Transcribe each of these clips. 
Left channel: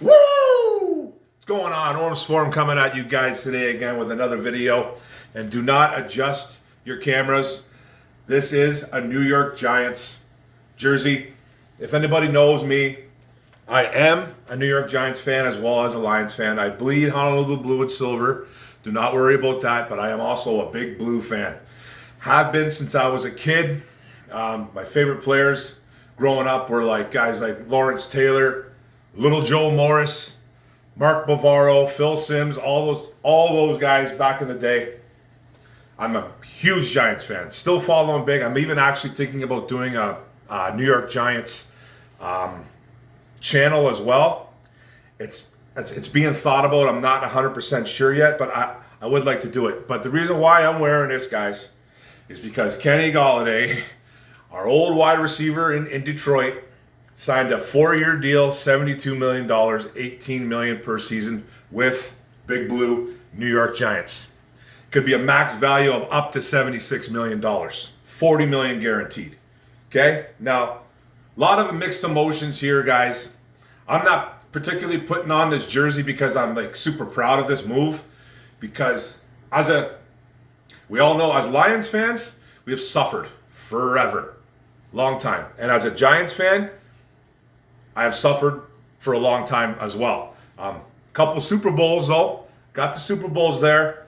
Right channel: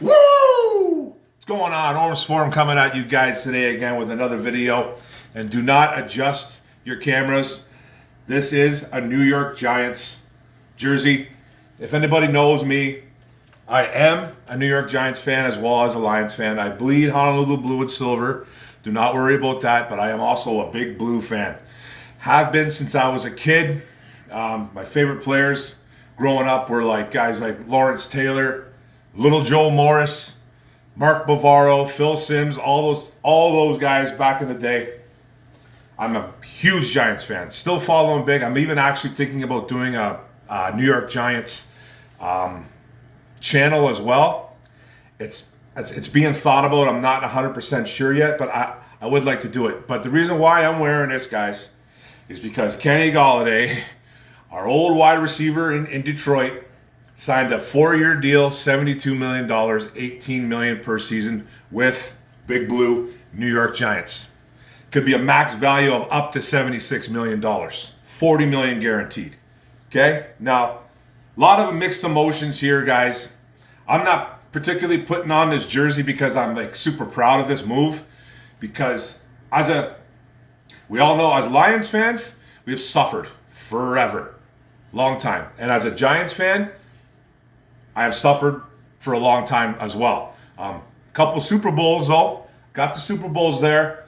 Woo! What's going on? Orms Forum coming at you guys today again with another video. And do not adjust your cameras. This is a New York Giants jersey. If anybody knows me, I am a New York Giants fan as well as a Lions fan. I bleed Honolulu blue and silver. Do not worry about that, but I am also a big blue fan. Have been since I was a kid. My favorite players growing up were like guys like Lawrence Taylor, Little Joe Morris, Mark Bavaro, Phil Simms, all those guys back in the day. I'm a huge Giants fan. Still following big. I'm even actually thinking about doing a New York Giants channel as well. It's being thought about. I'm not 100% sure yet, but I would like to do it. But the reason why I'm wearing this, guys, is because Kenny Golladay, our old wide receiver in Detroit, signed a 4-year deal, $72 million, $18 million per season with Big Blue New York Giants. Could be a max value of up to $76 million, $40 million guaranteed. Okay? Now, a lot of mixed emotions here, guys. I'm not particularly putting on this jersey because I'm like super proud of this move, because we all know as Lions fans, we have suffered forever, long time. And as a Giants fan, I have suffered for a long time as well. Couple Super Bowls though, got the Super Bowls there,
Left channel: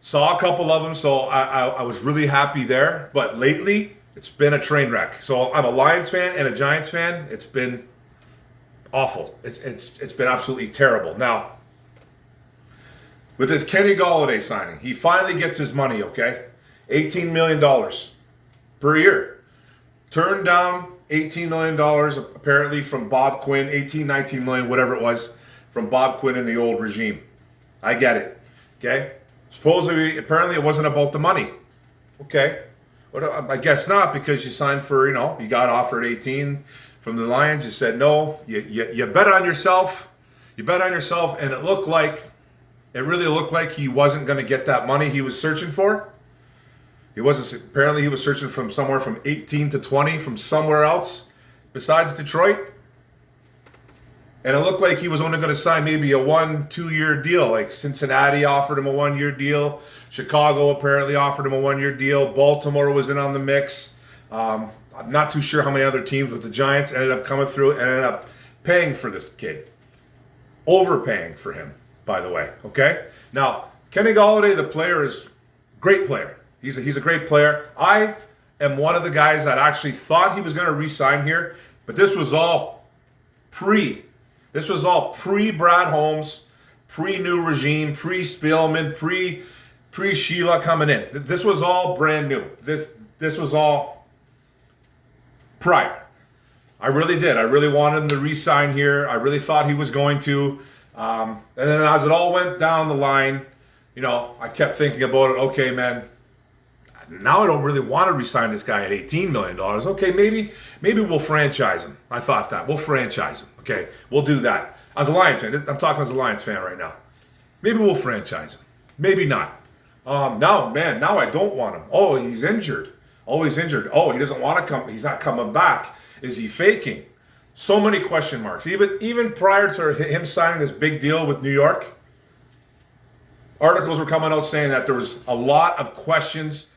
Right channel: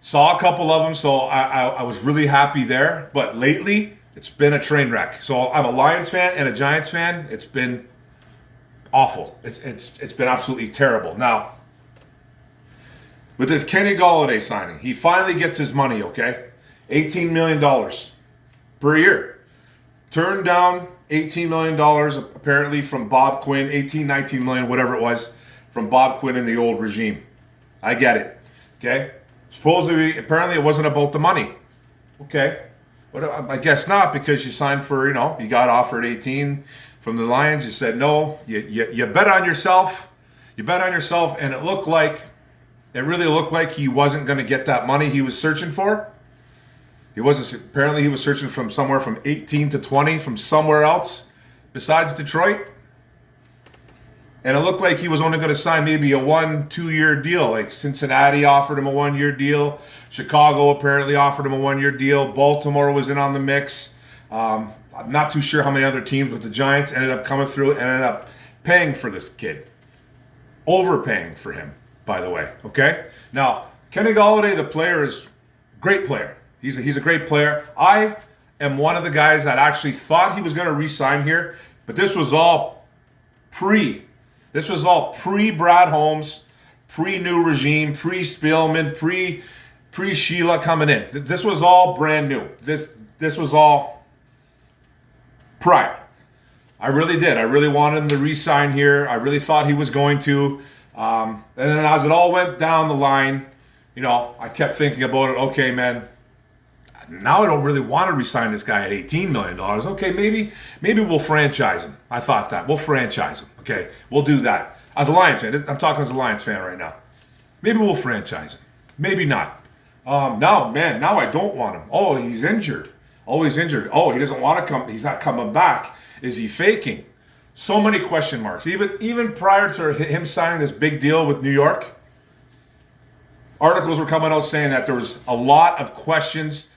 saw a couple of them, so I was really happy there. But lately, it's been a train wreck. So I'm a Lions fan and a Giants fan. It's been awful. It's been absolutely terrible. Now, with this Kenny Golladay signing, he finally gets his money, okay? $18 million per year. Turned down $18 million apparently from Bob Quinn, 19 million, whatever it was, from Bob Quinn in the old regime. I get it, okay? Supposedly, apparently it wasn't about the money. Okay, but I guess not, because you signed for, you got offered 18 from the Lions. You said no, you bet on yourself. You bet on yourself, and it really looked like he wasn't going to get that money he was searching for. Apparently he was searching from somewhere from 18 to 20 from somewhere else besides Detroit. And it looked like he was only going to sign maybe a 1-2 year deal. Like Cincinnati offered him a 1-year deal. Chicago apparently offered him a 1-year deal. Baltimore was in on the mix. I'm not too sure how many other teams, but the Giants ended up coming through and ended up paying for this kid. Overpaying for him, by the way. Okay? Now, Kenny Golladay, the player, is a great player. He's a great player. I am one of the guys that actually thought he was going to re-sign here, but this was all pre-Brad Holmes, pre-new regime, pre-Spielman, pre-Sheila coming in. This was all brand new. This was all prior. I really did. I really wanted him to re-sign here. I really thought he was going to. And then as it all went down the line, I kept thinking about it. Okay, man, now I don't really want to re-sign this guy at $18 million. Okay, maybe we'll franchise him. I thought that. We'll franchise him. Okay, we'll do that. As a Lions fan, I'm talking as a Lions fan right now. Maybe we'll franchise him. Maybe not. Now I don't want him. Oh, he's injured. Oh, he's injured. Oh, he doesn't want to come. He's not coming back. Is he faking? So many question marks. Even prior to him signing this big deal with New York, articles were coming out saying that there was a lot of questions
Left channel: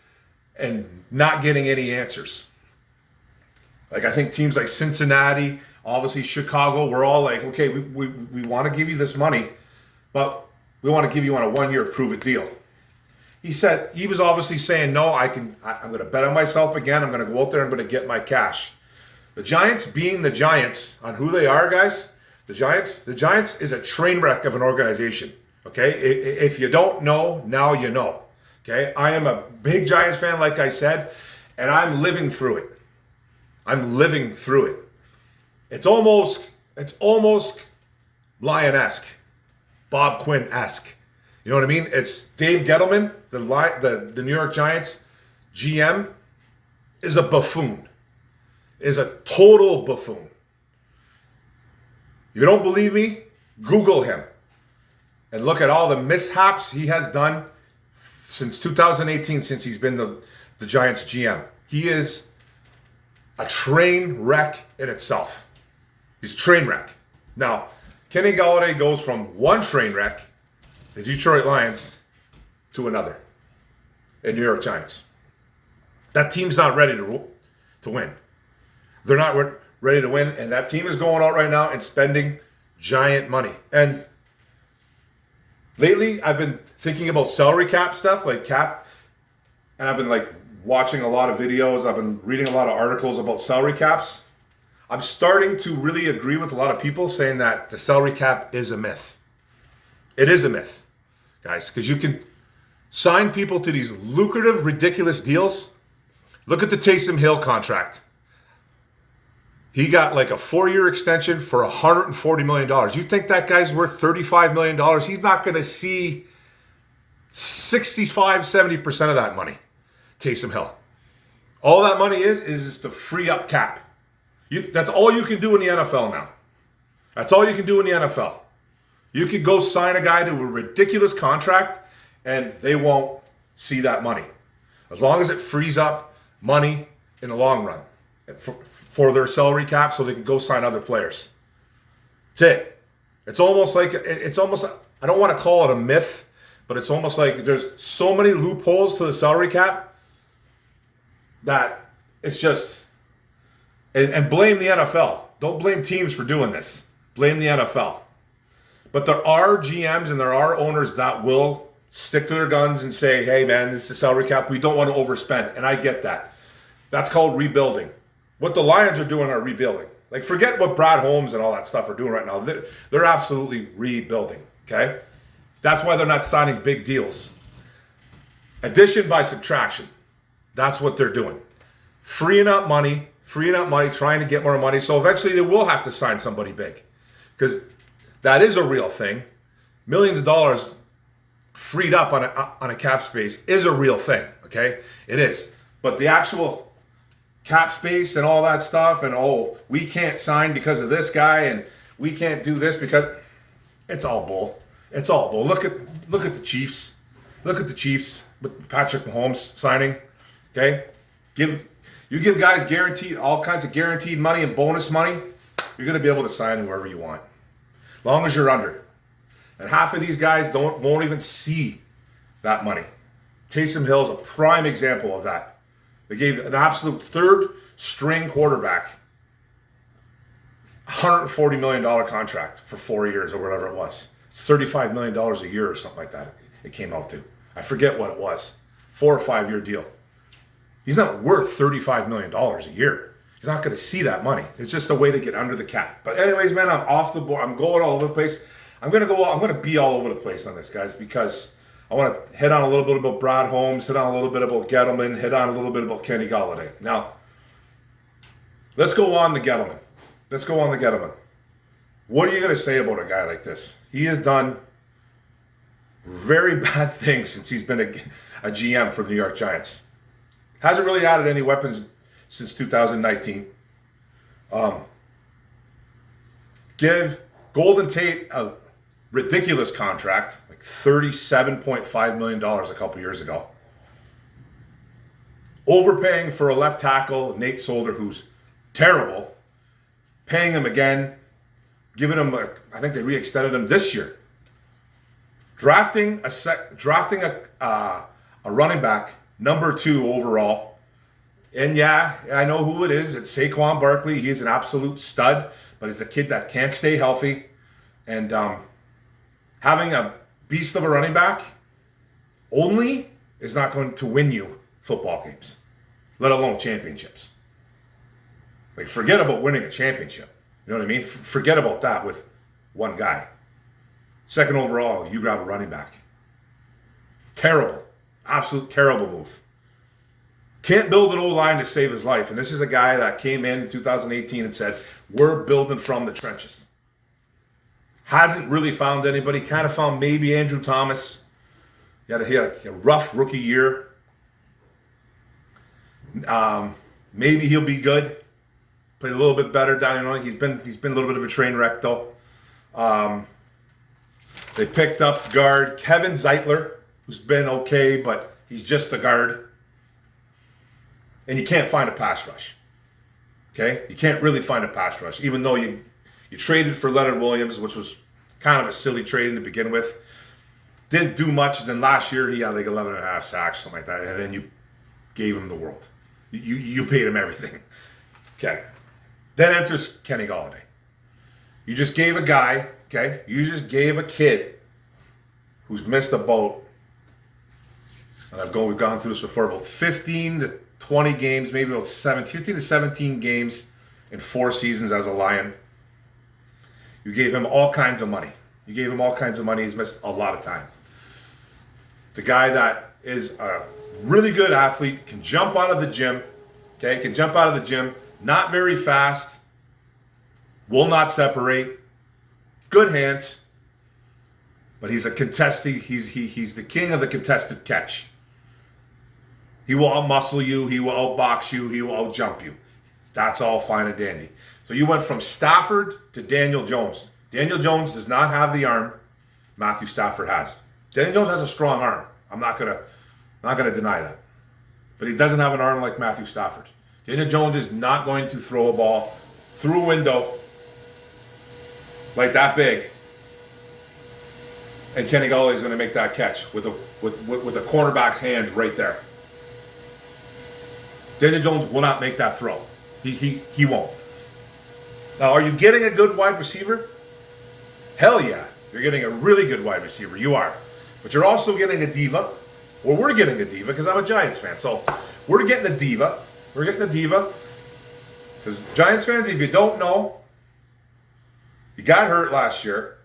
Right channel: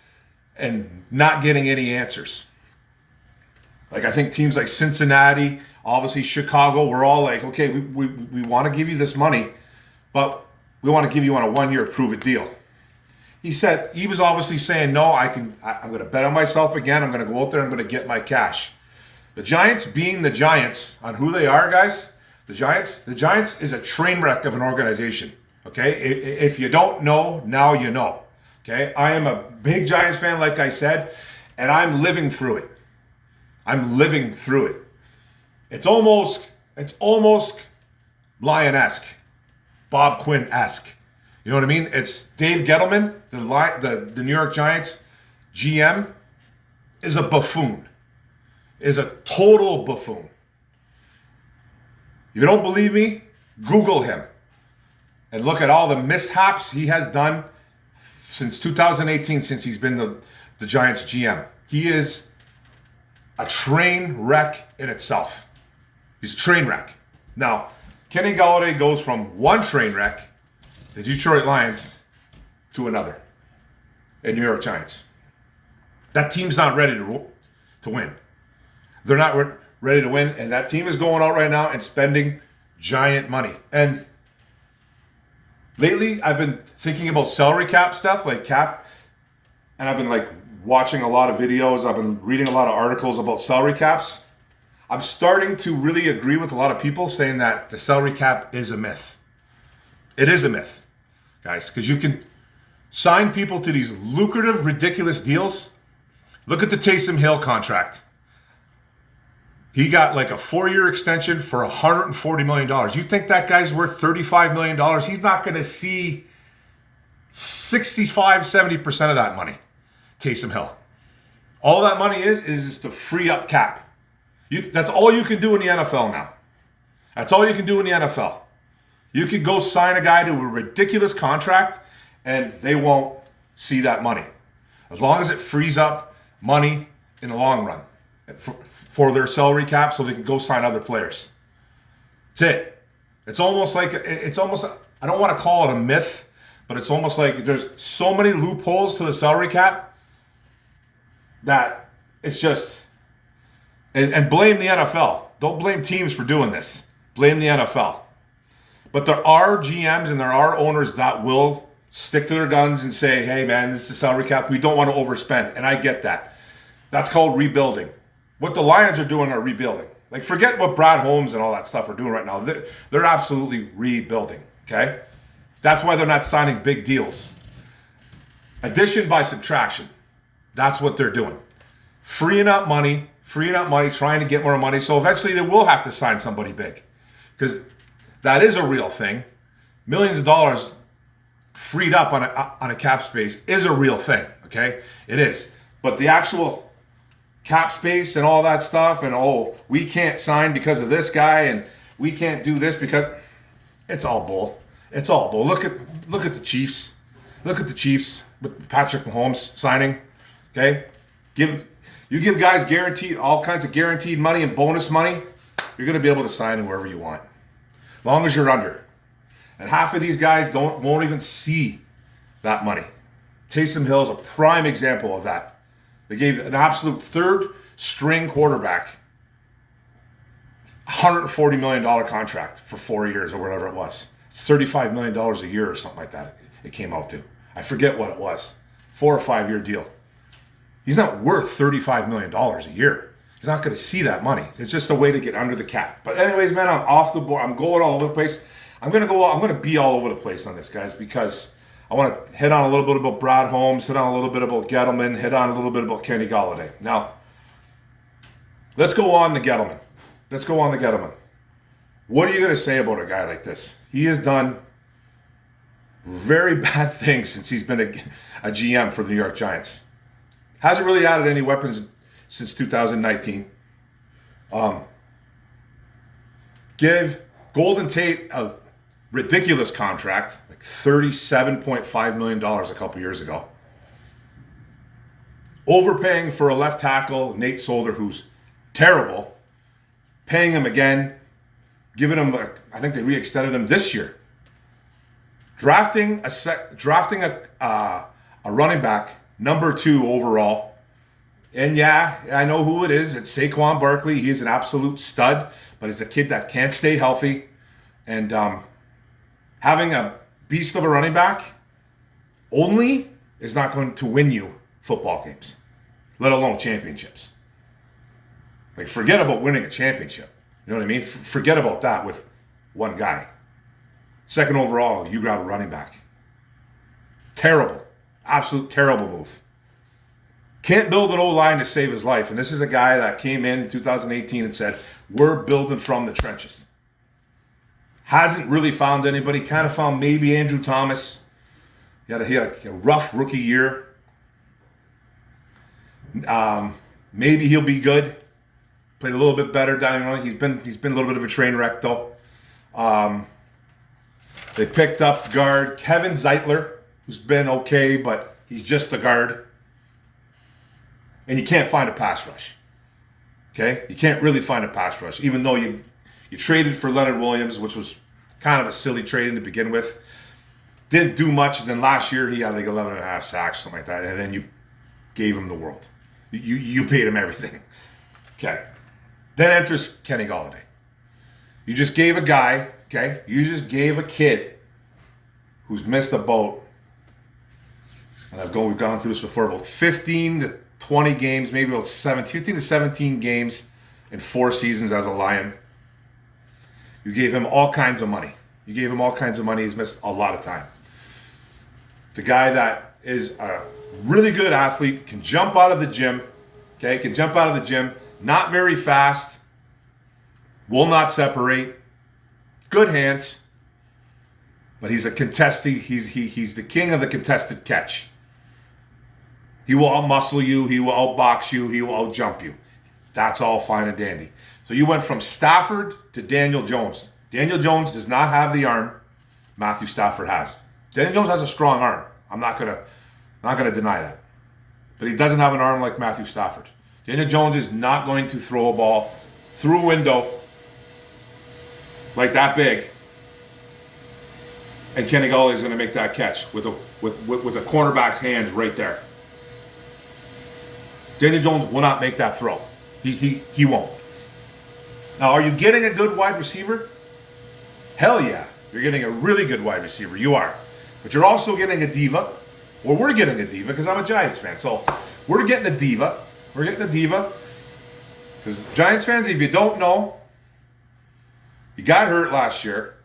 and not getting any answers. Like, I think teams like Cincinnati, obviously Chicago, we're all like, okay, we want to give you this money, but we want to give you on a 1-year prove-it deal. He was obviously saying, no, I'm going to bet on myself again. I'm going to go out there. I'm going to get my cash. The Giants, being the Giants, on who they are, guys, the Giants is a train wreck of an organization. Okay, if you don't know, now you know. Okay, I am a big Giants fan, like I said, and I'm living through it. It's almost Lion-esque, Bob Quinn-esque. You know what I mean? It's Dave Gettleman, the New York Giants GM, is a buffoon, is a total buffoon. If you don't believe me, Google him and look at all the mishaps he has done since 2018, since he's been the Giants GM. He is a train wreck in itself. He's a train wreck. Now, Kenny Golladay goes from one train wreck, the Detroit Lions, to another, the New York Giants. That team's not ready to win. They're not ready to win, and that team is going out right now and spending giant money. And lately, I've been thinking about salary cap stuff, like cap, and I've been like watching a lot of videos. I've been reading a lot of articles about salary caps. I'm starting to really agree with a lot of people saying that the salary cap is a myth. It is a myth, guys, because you can sign people to these lucrative, ridiculous deals. Look at the Taysom Hill contract. He got like a 4-year extension for $140 million. You think that guy's worth $35 million? He's not going to see 65, 70% of that money. Taysom Hill. All that money is to free up cap. That's all you can do in the NFL now. That's all you can do in the NFL. You can go sign a guy to a ridiculous contract and they won't see that money. As long as it frees up money in the long run for their salary cap so they can go sign other players. That's it. It's almost, I don't want to call it a myth, but it's almost like there's so many loopholes to the salary cap that it's just, and blame the NFL. Don't blame teams for doing this. Blame the NFL. But there are GMs and there are owners that will stick to their guns and say, hey man, this is the salary cap. We don't want to overspend. And I get that. That's called rebuilding. What the Lions are doing are rebuilding. Like, forget what Brad Holmes and all that stuff are doing right now. They're absolutely rebuilding, okay? That's why they're not signing big deals. Addition by subtraction. That's what they're doing. Freeing up money, trying to get more money. So eventually they will have to sign somebody big. Because that is a real thing. Millions of dollars freed up on a cap space is a real thing, okay? It is. But the actual cap space and all that stuff, and we can't sign because of this guy, and we can't do this because it's all bull. It's all bull. Look at the Chiefs. Look at the Chiefs with Patrick Mahomes signing. Okay, give guys all kinds of guaranteed money and bonus money. You're going to be able to sign whoever you want, as long as you're under. And half of these guys won't even see that money. Taysom Hill is a prime example of that. They gave an absolute third-string quarterback $140 million contract for 4 years or whatever it was. It's $35 million a year or something like that it came out to. I forget what it was. 4 or 5 year deal. He's not worth $35 million a year. He's not going to see that money. It's just a way to get under the cap. But anyways, man, I'm off the board. I'm going all over the place. I'm going to be all over the place on this, guys, because I want to hit on a little bit about Brad Holmes, hit on a little bit about Gettleman, hit on a little bit about Kenny Golladay. Now, let's go on to Gettleman. What are you going to say about a guy like this? He has done very bad things since he's been a GM for the New York Giants. Hasn't really added any weapons since 2019. Give Golden Tate a ridiculous contract, like $37.5 million a couple years ago. Overpaying for a left tackle, Nate Solder, who's terrible. Paying him again. Giving him, I think they re-extended him this year. Drafting a running back, number 2 overall. And yeah, I know who it is. It's Saquon Barkley. He is an absolute stud, but he's a kid that can't stay healthy. And having a beast of a running back only is not going to win you football games, let alone championships. Like, forget about winning a championship. You know what I mean? Forget about that with one guy. Second overall, you grab a running back. Terrible. Absolute terrible move. Can't build an O-line to save his life. And this is a guy that came in 2018 and said, we're building from the trenches. Hasn't really found anybody. Kind of found maybe Andrew Thomas. He had a rough rookie year. Maybe he'll be good. Played a little bit better down. You know, he's been a little bit of a train wreck though. They picked up guard Kevin Zeitler, who's been okay, but he's just a guard. And you can't find a pass rush. Okay? You can't really find a pass rush, even though you traded for Leonard Williams, which was kind of a silly trade to begin with. Didn't do much. And then last year he had like 11 and a half sacks, something like that. And then you gave him the world. You paid him everything. Okay. Then enters Kenny Golladay. You just gave a guy, okay? You just gave a kid who's missed a boat. And we've gone through this before, about 15 to 20 games, maybe about 15 to 17 games in 4 seasons as a Lion. You gave him all kinds of money. He's missed a lot of time. The guy that is a really good athlete, can jump out of the gym, okay? Not very fast, will not separate, good hands, but he's a contested, he's the king of the contested catch. He will out-muscle you, he will out-box you, he will out-jump you. That's all fine and dandy. So you went from Stafford to Daniel Jones. Daniel Jones does not have the arm Matthew Stafford has. Daniel Jones has a strong arm. I'm not gonna deny that. But he doesn't have an arm like Matthew Stafford. Daniel Jones is not going to throw a ball through a window like that big, and Kenny Golladay is going to make that catch with a cornerback's hand right there. Daniel Jones will not make that throw. He won't. Now, are you getting a good wide receiver? Hell yeah. You're getting a really good wide receiver. You are. But you're also getting a diva. Or we're getting a diva because I'm a Giants fan. So we're getting a diva. Because Giants fans, if you don't know, he got hurt last year.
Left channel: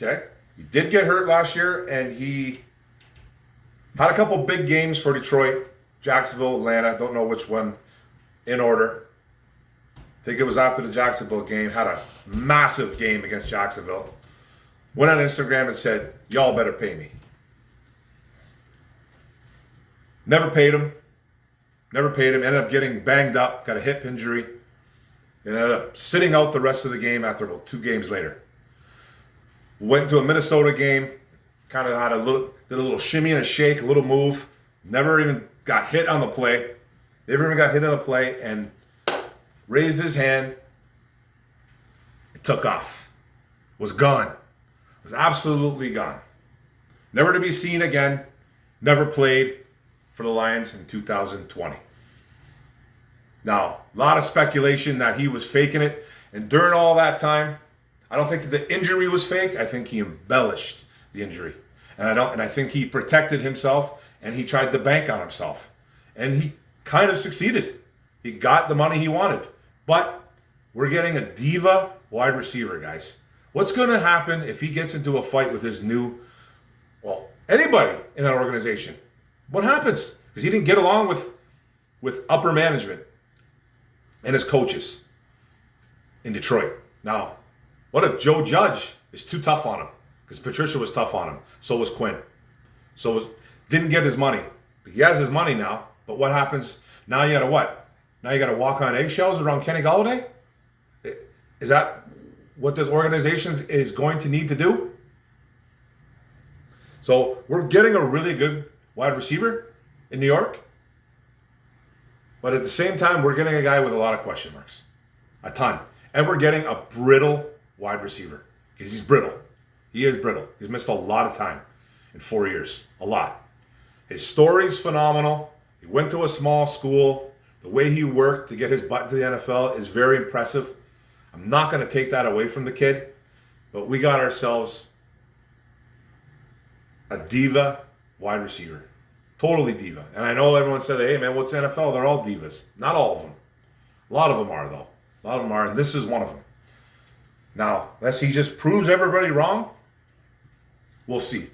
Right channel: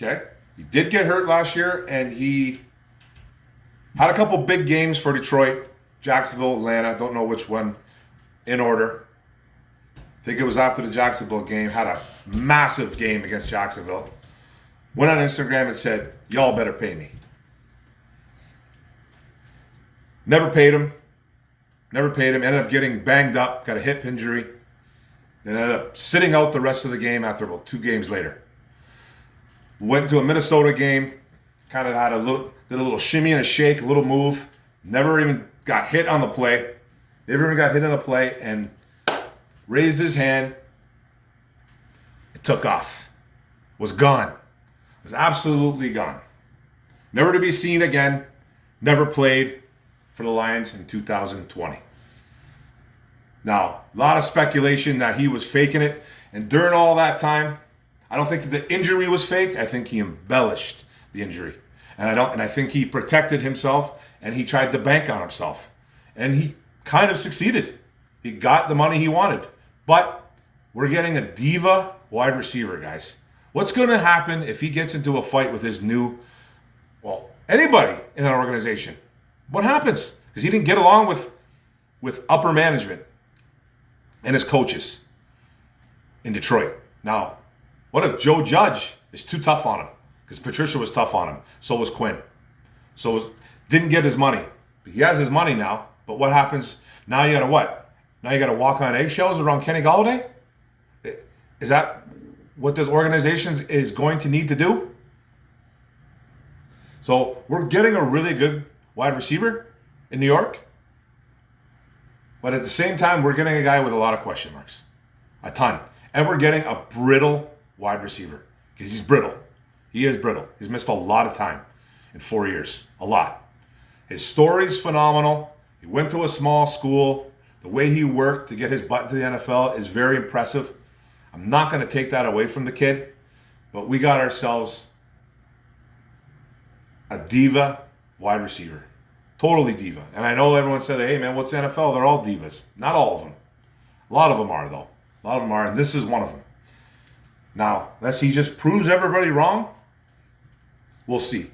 Okay? He did get hurt last year, and he had a couple big games for Detroit, Jacksonville, Atlanta. Don't know which one in order. I think it was after the Jacksonville game. Had a massive game against Jacksonville. Went on Instagram and said, y'all better pay me. Never paid him. Ended up getting banged up. Got a hip injury. And ended up sitting out the rest of the game after about 2 games later. Went to a Minnesota game. Kind of did a little shimmy and a shake, a little move. Never even got hit on the play. And raised his hand. It took off. Was gone. Was absolutely gone. Never to be seen again. Never played for the Lions in 2020. Now, a lot of speculation that he was faking it. And during all that time, I don't think the injury was fake. I think he embellished the injury. And I think he protected himself and he tried to bank on himself. And he kind of succeeded. He got the money he wanted. But we're getting a diva wide receiver, guys. What's going to happen if he gets into a fight with his anybody in that organization? What happens? Because he didn't get along with upper management and his coaches in Detroit. Now, what if Joe Judge is too tough on him? Because Patricia was tough on him. So was Quinn. Didn't get his money. But he has his money now. But what happens? Now you got to what? Now you got to walk on eggshells around Kenny Golladay? Is that what this organization is going to need to do? So we're getting a really good wide receiver in New York. But at the same time, we're getting a guy with a lot of question marks. A ton. And we're getting a brittle wide receiver. Because he's brittle. He is brittle. He's missed a lot of time in 4 years. A lot. His story's phenomenal. He went to a small school. The way he worked to get his butt into the NFL is very impressive. I'm not going to take that away from the kid. But we got ourselves a diva wide receiver. Totally diva. And I know everyone said, hey man, what's NFL? They're all divas. Not all of them. A lot of them are though. A lot of them are, and this is one of them. Now, unless he just proves everybody wrong, we'll see.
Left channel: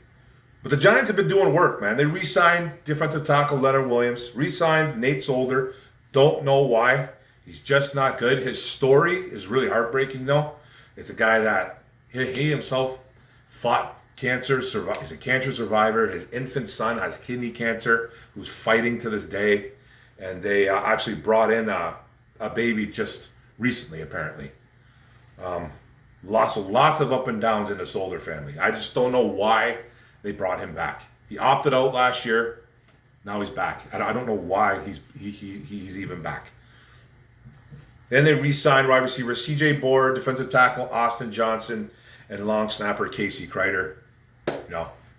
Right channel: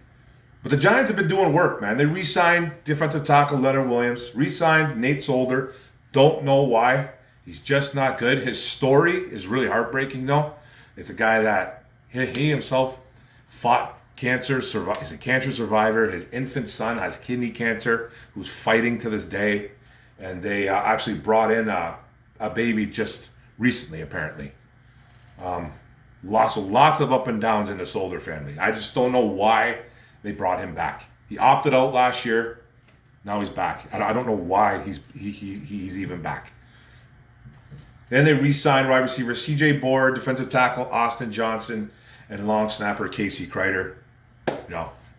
But the Giants have been doing work, man. They re-signed defensive tackle Leonard Williams, re-signed Nate Solder. Don't know why. He's just not good. His story is really heartbreaking, though. It's a guy that he himself fought cancer. He's a cancer survivor. His infant son has kidney cancer, who's fighting to this day. And they actually brought in a baby just recently, apparently. Lots of up and downs in the Solder family. I just don't know why they brought him back. He opted out last year. Now he's back. I don't know why he's even back. Then they re-signed wide receiver C.J. Board, defensive tackle Austin Johnson, and long snapper Casey Kreider.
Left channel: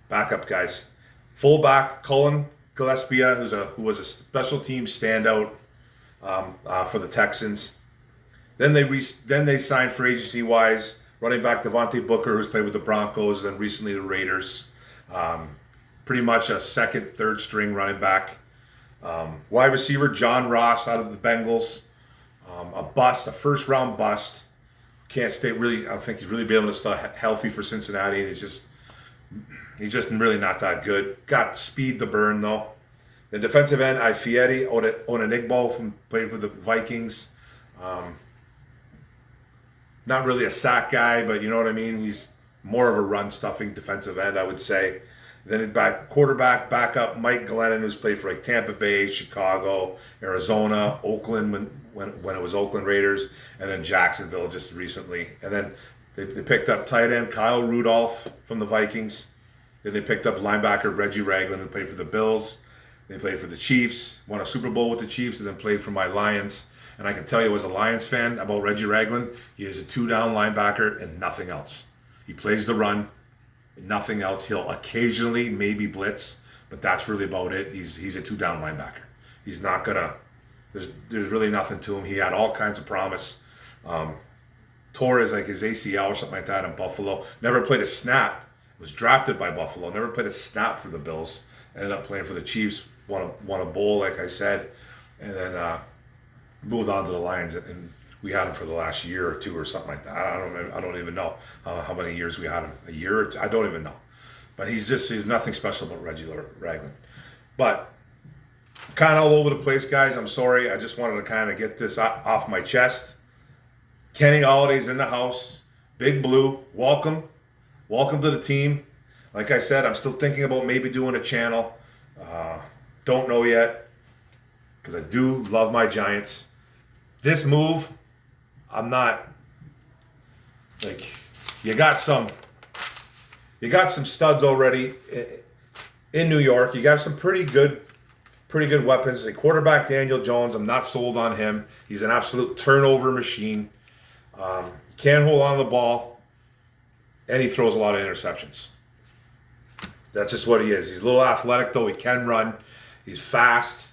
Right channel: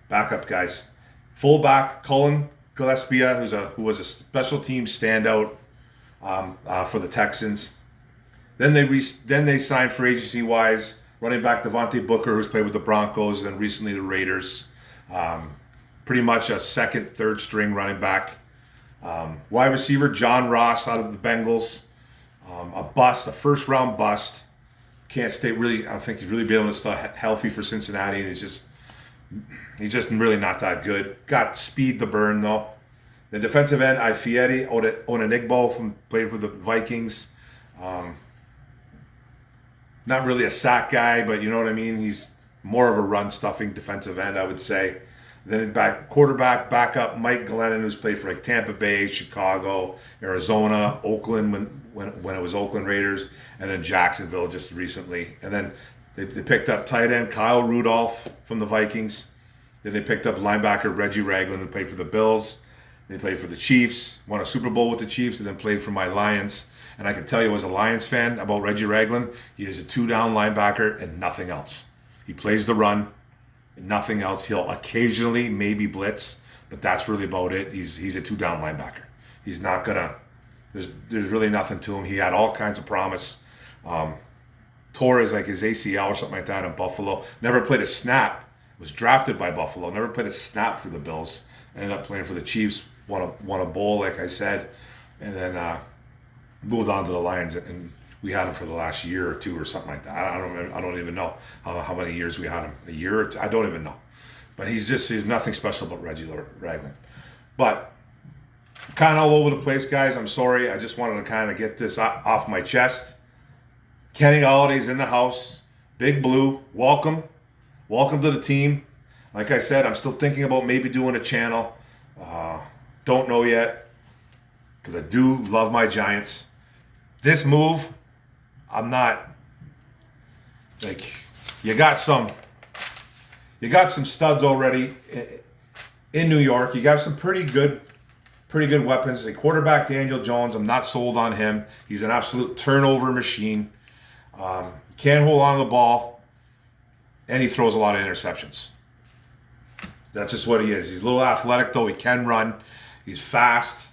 Backup guys. Fullback Cullen Gillespie, who was a special team standout for the Texans. Then they signed free agency wise running back Devontae Booker, who's played with the Broncos and recently the Raiders. Pretty much a second, third string running back. Wide receiver John Ross out of the Bengals. A first round bust. Can't stay really. I don't think he's really been able to stay healthy for Cincinnati, and he's just really not that good. Got speed to burn though. The defensive end Ifeadi Onenigbo played for the Vikings. Not really a sack guy, but you know what I mean. He's more of a run stuffing defensive end, I would say. Then quarterback backup Mike Glennon, who's played for like Tampa Bay, Chicago, Arizona, Oakland when it was Oakland Raiders, and then Jacksonville just recently. And then they picked up tight end Kyle Rudolph from the Vikings. Then they picked up linebacker Reggie Ragland, who played for the Bills. They played for the Chiefs, won a Super Bowl with the Chiefs, and then played for my Lions. And I can tell you as a Lions fan about Reggie Ragland, he is a two-down linebacker and nothing else. He plays the run. Nothing else. He'll occasionally maybe blitz, but that's really about it. He's a two-down linebacker. He's not gonna. There's really nothing to him. He had all kinds of promise. Tore his ACL or something like that in Buffalo. Never played a snap. Was drafted by Buffalo. Never played a snap for the Bills. Ended up playing for the Chiefs. Won a bowl, like I said, and then moved on to the Lions. And we had him for the last year or two or something like that. I don't even know how many years we had him. A year or two? I don't even know. But he's nothing special about Reggie Ragland. But kind of all over the place, guys. I'm sorry. I just wanted to kind of get this off my chest. Kenny Golladay's in the house. Big Blue, welcome. Welcome to the team. Like I said, I'm still thinking about maybe doing a channel. Don't know yet. Because I do love my Giants. This move, I'm not you got some studs already in New York. You got some pretty good weapons. The quarterback Daniel Jones, I'm not sold on him. He's an absolute turnover machine. Can't hold on to the ball, and he throws a lot of interceptions. That's just what he is. He's a little athletic though. He can run. He's fast.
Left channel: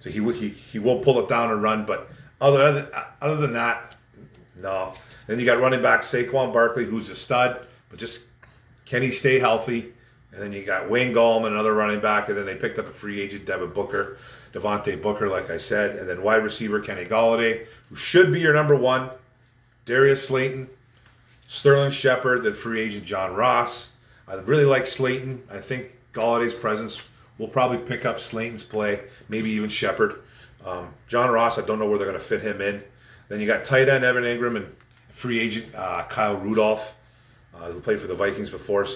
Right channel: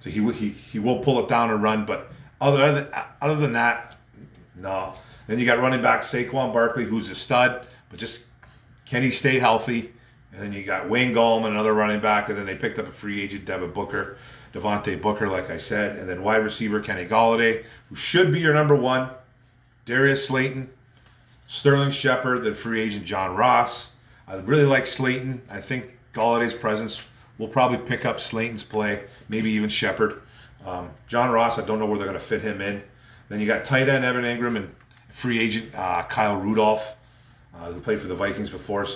So he will pull it down and run, but other than that, no. Then you got running back Saquon Barkley, who's a stud, but just can he stay healthy? And then you got Wayne Gallman, another running back, and then they picked up a free agent, Devontae Booker, like I said, and then wide receiver Kenny Golladay, who should be your number one, Darius Slayton, Sterling Shepard, then free agent John Ross. I really like Slayton. I think Galladay's presence will probably pick up Slayton's play, maybe even Shepard. John Ross, I don't know where they're going to fit him in. Then you got tight end Evan Ingram and free agent Kyle Rudolph, who played for the Vikings before.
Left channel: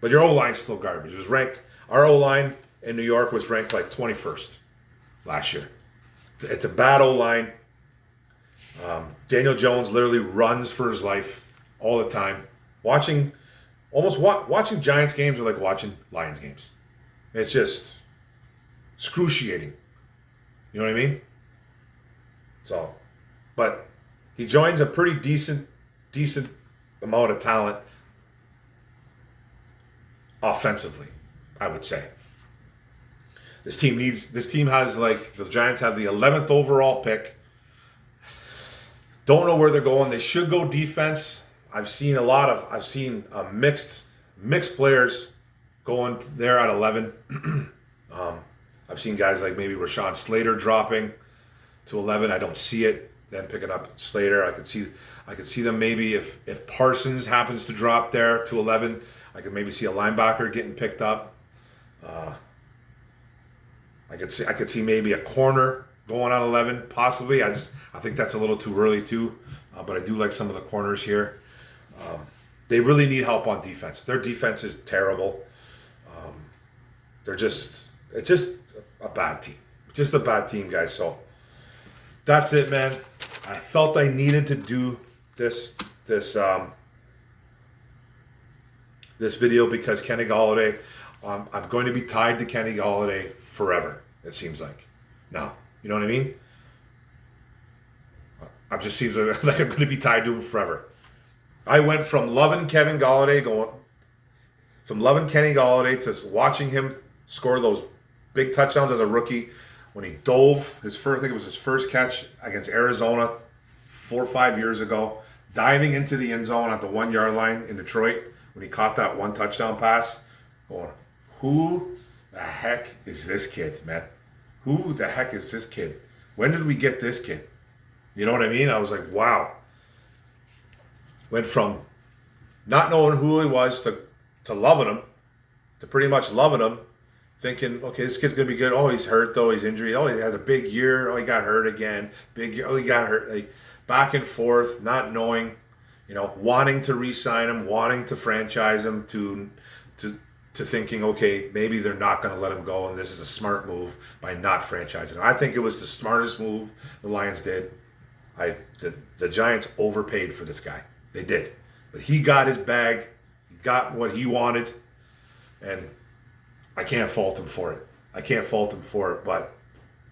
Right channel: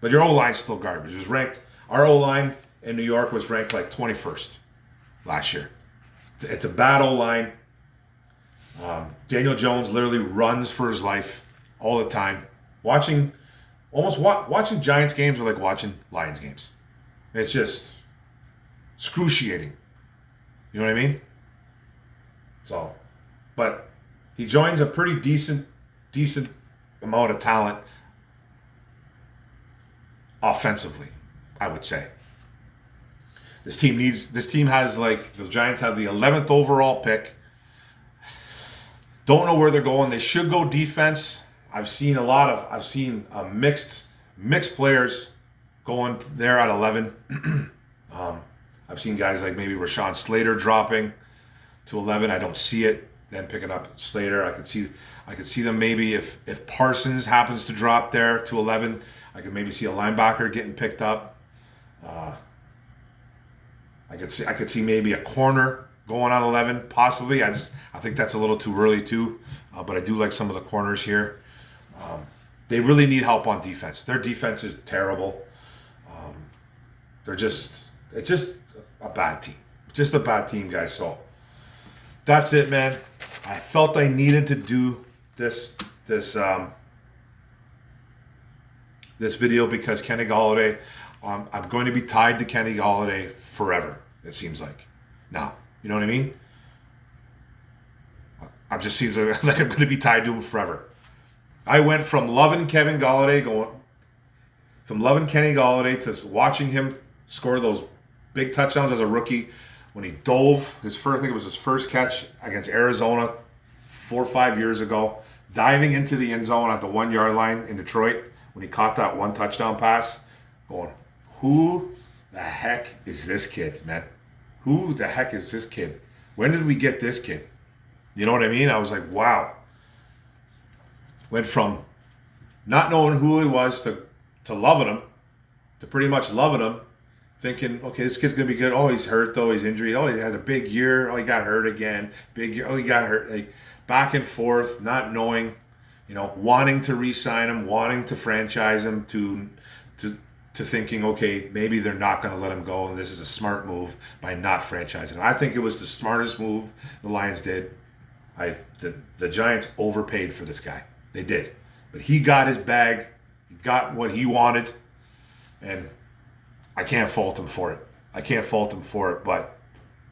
But your O-line's still garbage. It was ranked. Our O-line in New York was ranked like 21st last year. It's a bad O-line. Daniel Jones literally runs for his life all the time. Watching Giants games are like watching Lions games. It's just excruciating. You know what I mean? So, but he joins a pretty decent amount of talent offensively, I would say. This team has the Giants have the 11th overall pick. Don't know where they're going. They should go defense. I've seen mixed players going there at 11. I've seen guys like maybe Rashawn Slater dropping to 11. I don't see it. Then picking up Slater, I could see them maybe if Parsons happens to drop there to 11, I could maybe see a linebacker getting picked up. I could see maybe a corner going on 11, possibly. I think that's a little too early too, but I do like some of the corners here. They really need help on defense. Their defense is terrible. It's just a bad team. Just a bad team, guys. So that's it, man. I felt I needed to do this video because Kenny Golladay. I'm going to be tied to Kenny Golladay forever. It seems like now. You know what I mean? It just seems like I'm going to be tied to him forever. I went from loving Kenny Golladay to watching him score those big touchdowns as a rookie when he dove his first, I think it was his first catch against Arizona 4 or 5 years ago, diving into the end zone at the 1 yard line in Detroit when he caught that one touchdown pass. Going, who the heck is this kid, man? Who the heck is this kid? When did we get this kid? You know what I mean? I was like, wow. Went from not knowing who he was to loving him, to pretty much loving him, thinking, okay, this kid's going to be good. Oh, he's hurt, though. He's injured. Oh, he had a big year. Oh, he got hurt again. Big year. Oh, he got hurt. Like, back and forth, not knowing, wanting to re-sign him, wanting to franchise him, to thinking, okay, maybe they're not going to let him go, and this is a smart move by not franchising him. I think it was the smartest move the Lions did. The Giants overpaid for this guy. They did. But he got his bag. He got what he wanted. And I can't fault him for it. But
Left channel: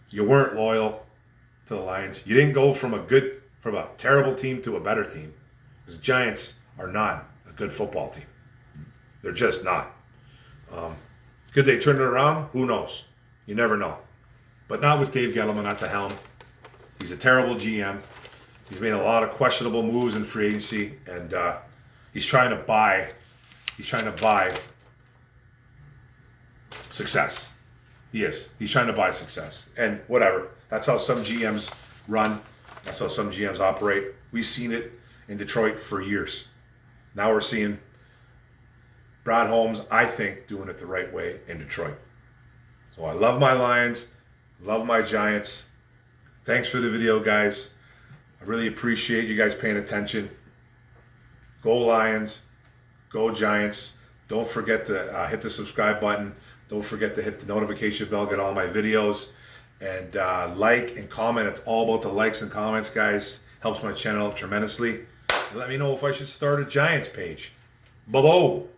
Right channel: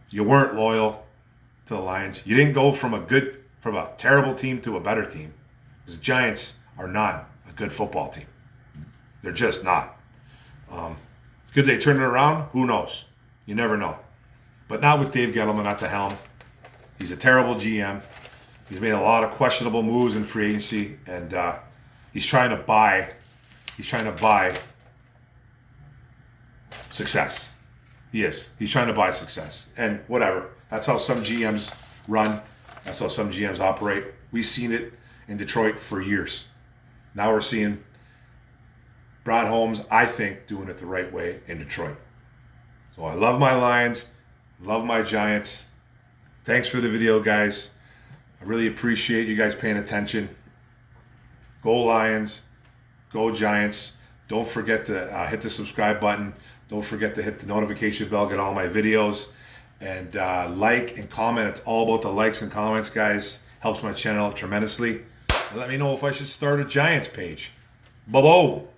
you weren't loyal to the Lions. You didn't go from a terrible team to a better team. Because the Giants are not a good football team. They're just not. Could they turn it around? Who knows? You never know. But not with Dave Gettleman at the helm. He's a terrible GM. He's made a lot of questionable moves in free agency, and he's trying to buy success. He is. He's trying to buy success. And whatever. That's how some GMs run. That's how some GMs operate. We've seen it in Detroit for years. Now we're seeing Brad Holmes, I think, doing it the right way in Detroit. So I love my Lions, love my Giants. Thanks for the video, guys. I really appreciate you guys paying attention. Go Lions, go Giants. Don't forget to hit the subscribe button. Don't forget to hit the notification bell, get all my videos. And like and comment. It's all about the likes and comments, guys. Helps my channel tremendously. And let me know if I should start a Giants page. Bye-bye.